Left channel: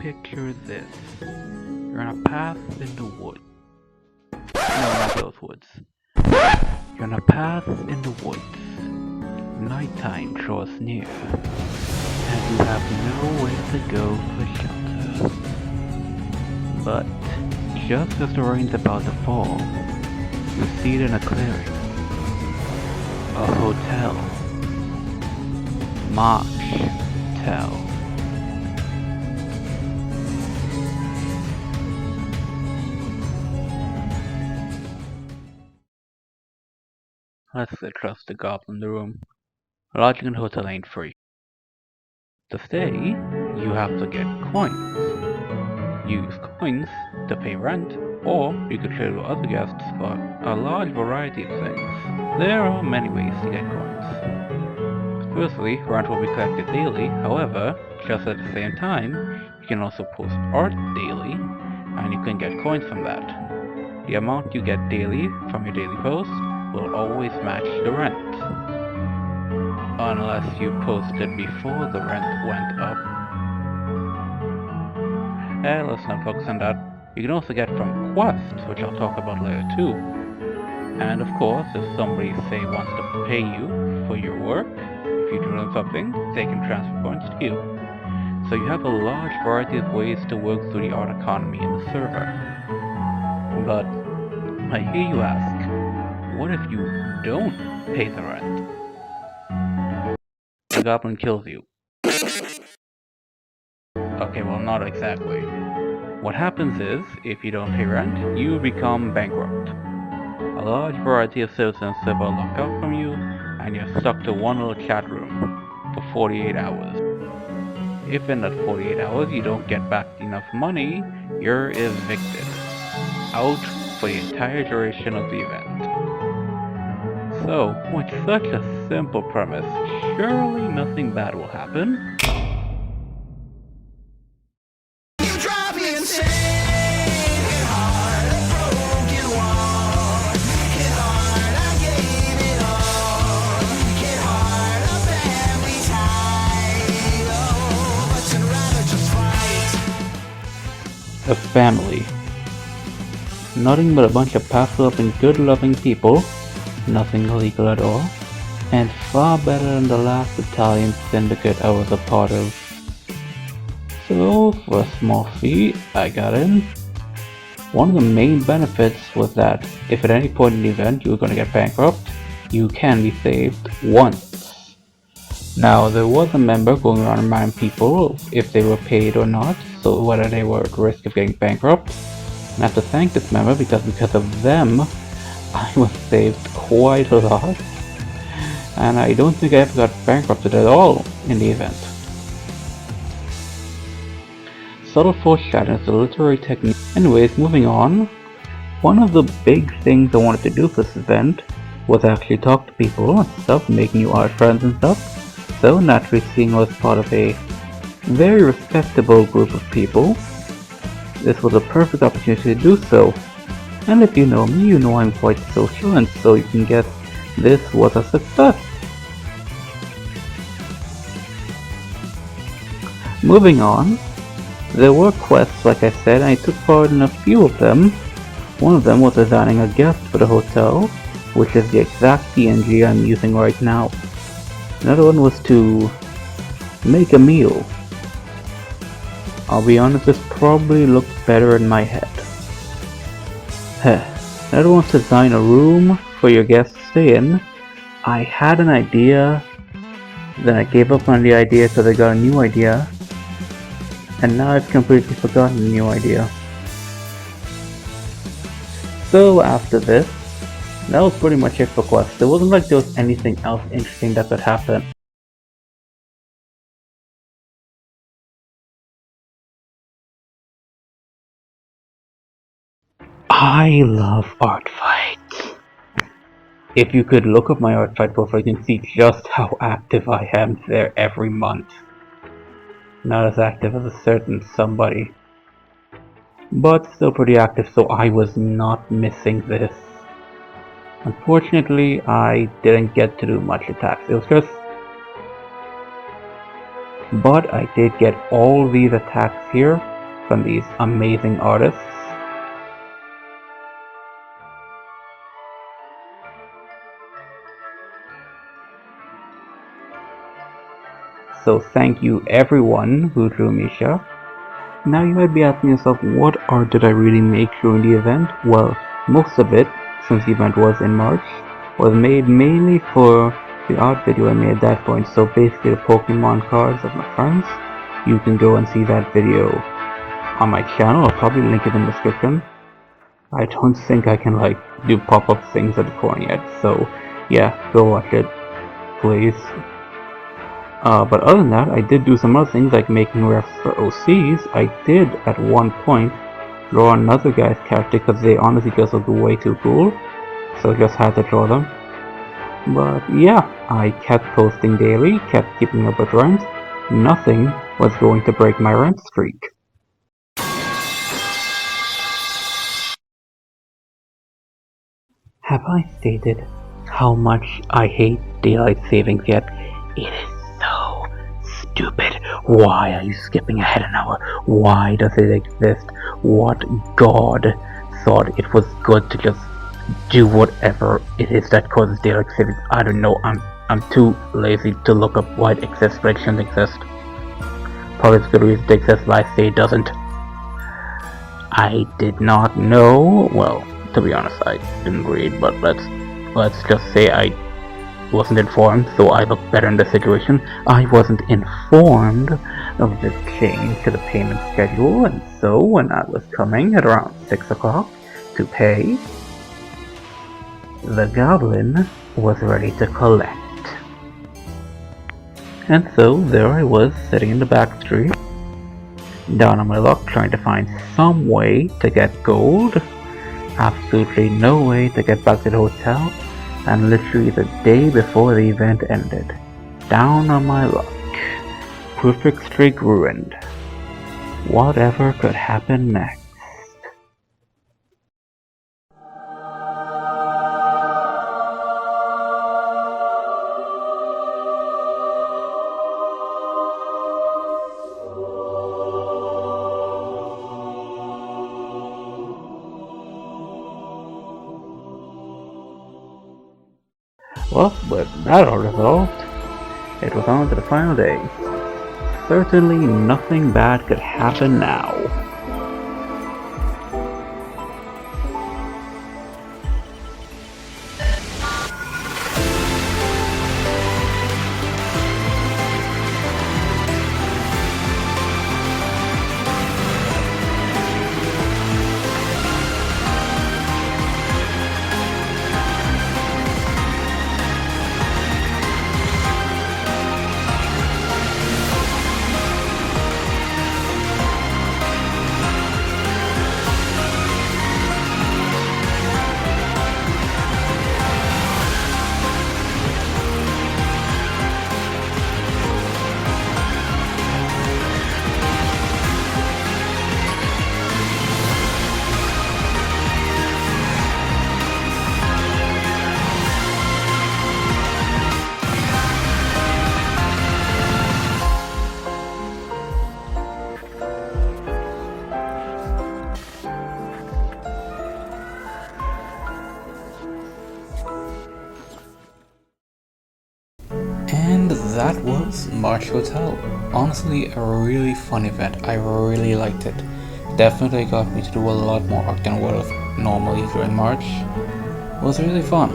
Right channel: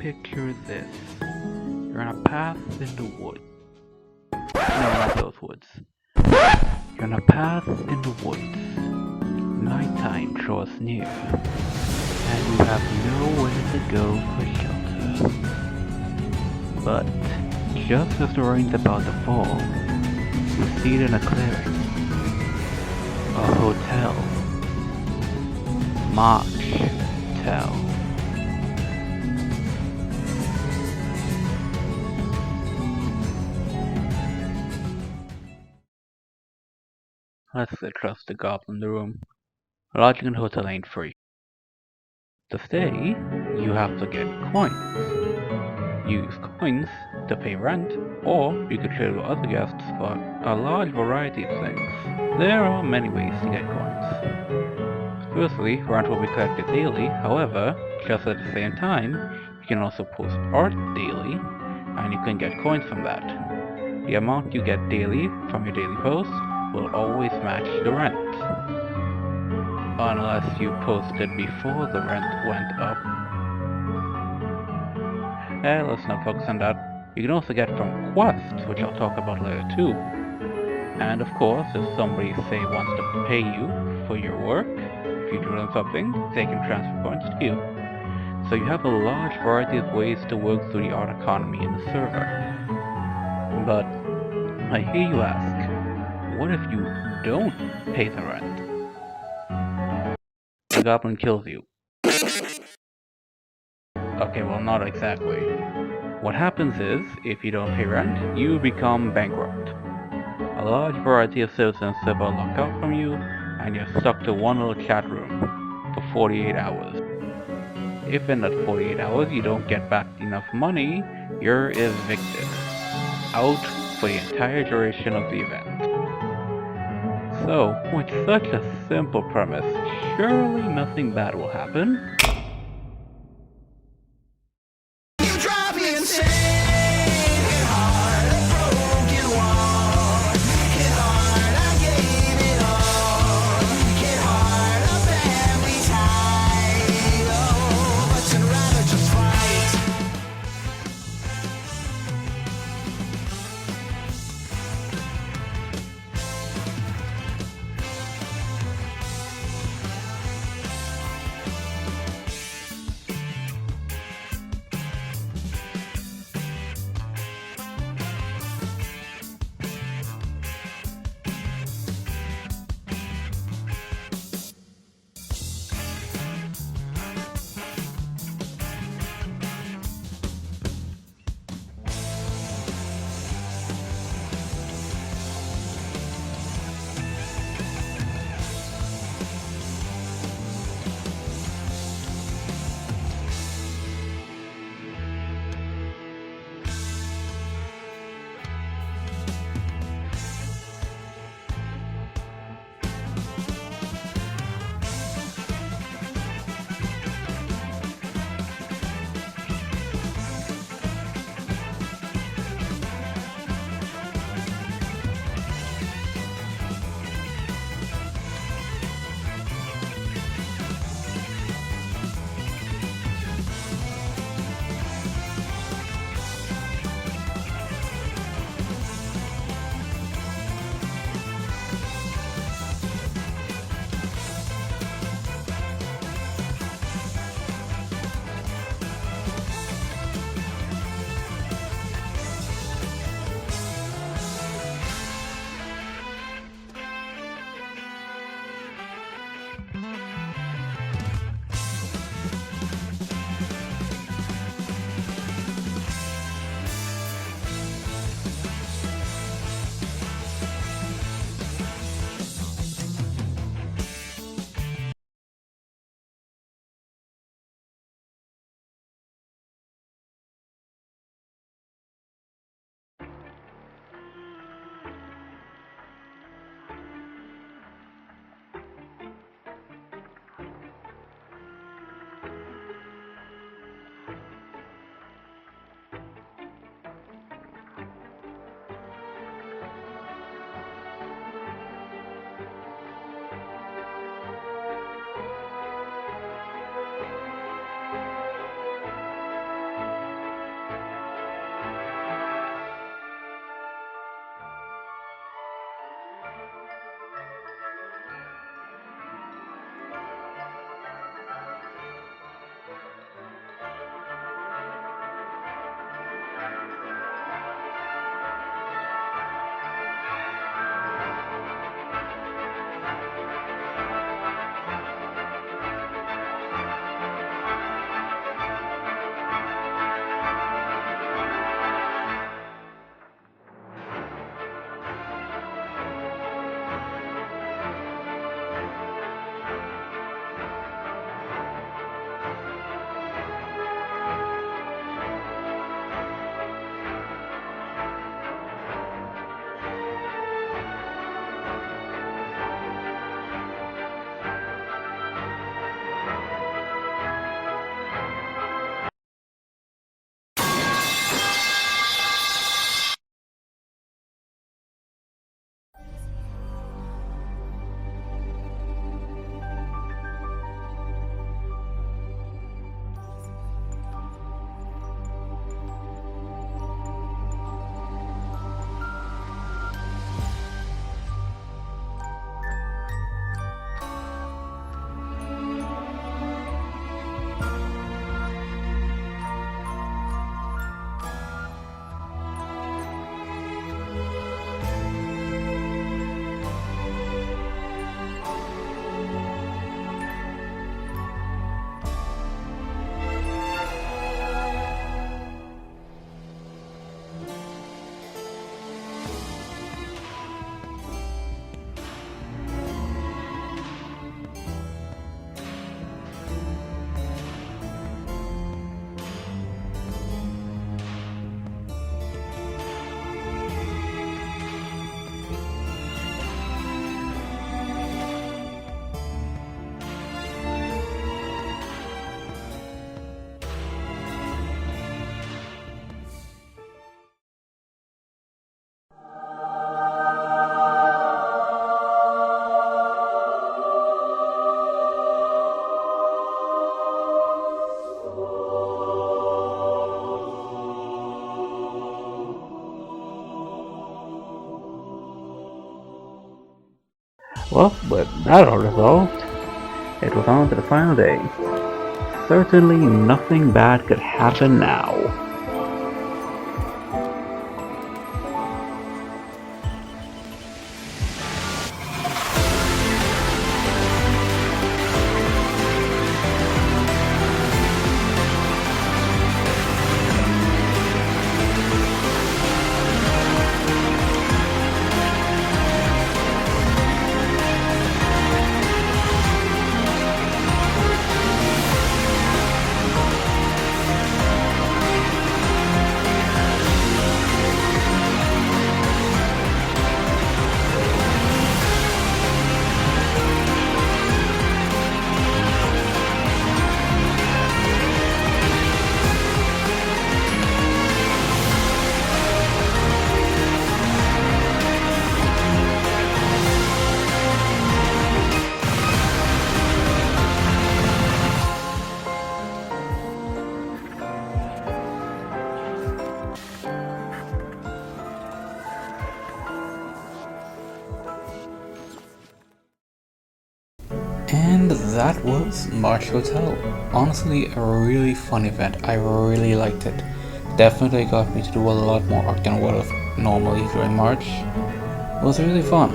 picture this. You're on a path in the woods. No, not those woods. You're on a path in the woods. Nighttime draws near, and you have nowhere to go for shelter. But just as the rain's about to fall, you see it in a clearing. A hotel. Mock-tel. Let's trust the goblin in the room. Lodging in the hotel ain't free. To stay, you have to get coins. Use coins to pay rent, or you could trade with other guests for a large variety of things. There are many ways to get coins. Firstly, rent will be collected daily, however, just at the same time, you can also post art daily, and you can get coins from that. The amount you get daily from your daily post will always match the rent. Unless you posted before the rent went up. Let's not focus on that. You can also get from quests, which I'll talk about later too. And of course, if somebody, say, wants to pay you for your work, if you do them something, they can transfer points to you. So you have a large variety of ways to work through the art economy in the server. But I hear you ask, what if you don't pay the rent? The goblin kills you. Okay, well, not exactly. What happens is, if you don't pay rent, you become bankrupt. A large variety of citizens are locked out from you, and you're stuck to one little chat room for 48 hours. If in that 48 hours you don't get back enough money, you're evicted. Out for the entire duration of the event. So, with such a simple premise, surely nothing bad will happen. A family. Nothing but a bunch of passive and good-loving people, nothing illegal at all, and far better than the last Italian syndicate I was a part of. So, for a small fee, I got in. One of the main benefits was that if at any point in the event you were going to get bankrupt, you can be saved once. Now, there was a member going around reminding people if they were paid or not, so whether they were at risk of getting bankrupt. And I have to thank this member because of them, I was saved quite a lot. And I don't think I ever got bankrupted at all in the event. Subtle foreshadowing is a literary technique. Anyways, moving on. One of the big things I wanted to do for this event was actually talk to people and stuff, make new art friends and stuff. So naturally, seeing I was part of a very respectable group of people, this was a perfect opportunity to do so. And if you know me, you know I'm quite social, and so you can guess this was a success. Moving on, there were quests, like I said, and I took part in a few of them. One of them was designing a guest for the hotel, which is the exact PNG I'm using right now. Another one was to make a meal. I'll be honest, this probably looks better in my head. Another one's to design a room for your guests to stay in. I had an idea, then I gave up on the idea because I got a new idea, and now I've completely forgotten the new idea. So after this, that was pretty much it for quests. There wasn't like there was anything else interesting that could happen. I love art fights. If you could look up my art fight profile, you can see just how active I am there every month. Not as active as a certain somebody, but still pretty active, so I was not missing this. Unfortunately, I didn't get to do much attacks. It was just but I did get all these attacks here from these amazing artists. So thank you everyone who drew Misha. Now you might be asking yourself, what art did I really make during the event? Well, most of it, since the event was in March, was made mainly for the art video I made at that point. So basically the Pokemon cards of my friends. You can go and see that video on my channel. I'll probably link it in the description. I don't think I can like do pop-up things at the corner yet, so yeah, go watch it, please. But other than that, I did do some other things like making refs for OCs. I did at one point draw another guy's character because they honestly just look way too cool, so I just had to draw them. But yeah, I kept posting daily, kept keeping up with ranks. Nothing was going to break my rank streak. Have I stated how much I hate daylight savings yet? It is so stupid. Why are you skipping ahead an hour? Why does it exist? What god thought it was good to just do whatever it is that causes daylight savings? I don't know. I'm too lazy to look up why it exists, but it shouldn't exist. Probably it's good reason it exists, but I say it doesn't. I did not know. Well, to be honest, I didn't read, but let's just say I wasn't informed, so I look better in the situation. I wasn't informed of the change to the payment schedule, and so when I was coming at around 6 o'clock to pay, the goblin was ready to collect. And so there I was, sitting in the back street, down on my luck, trying to find some way to get gold. Absolutely no way to get back to the hotel, and literally the day before the event ended. Down on my luck. Perfect streak ruined. Whatever could happen next? Well, with that all resolved, it was on to the final day. Certainly nothing bad could happen now. And that was March Hotel. Honestly, a really fun event. I really liked it. Definitely got me to do a lot more art than what I normally during March. It was really fun.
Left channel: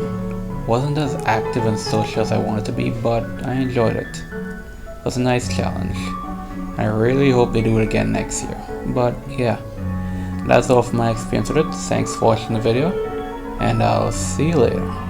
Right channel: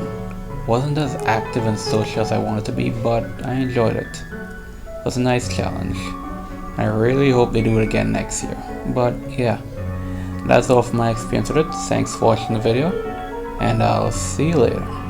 Wasn't as active and social as I wanted to be, but I enjoyed it. It was a nice challenge. I really hope they do it again next year. But yeah, that's all for my experience with it. Thanks for watching the video, and I'll see you later.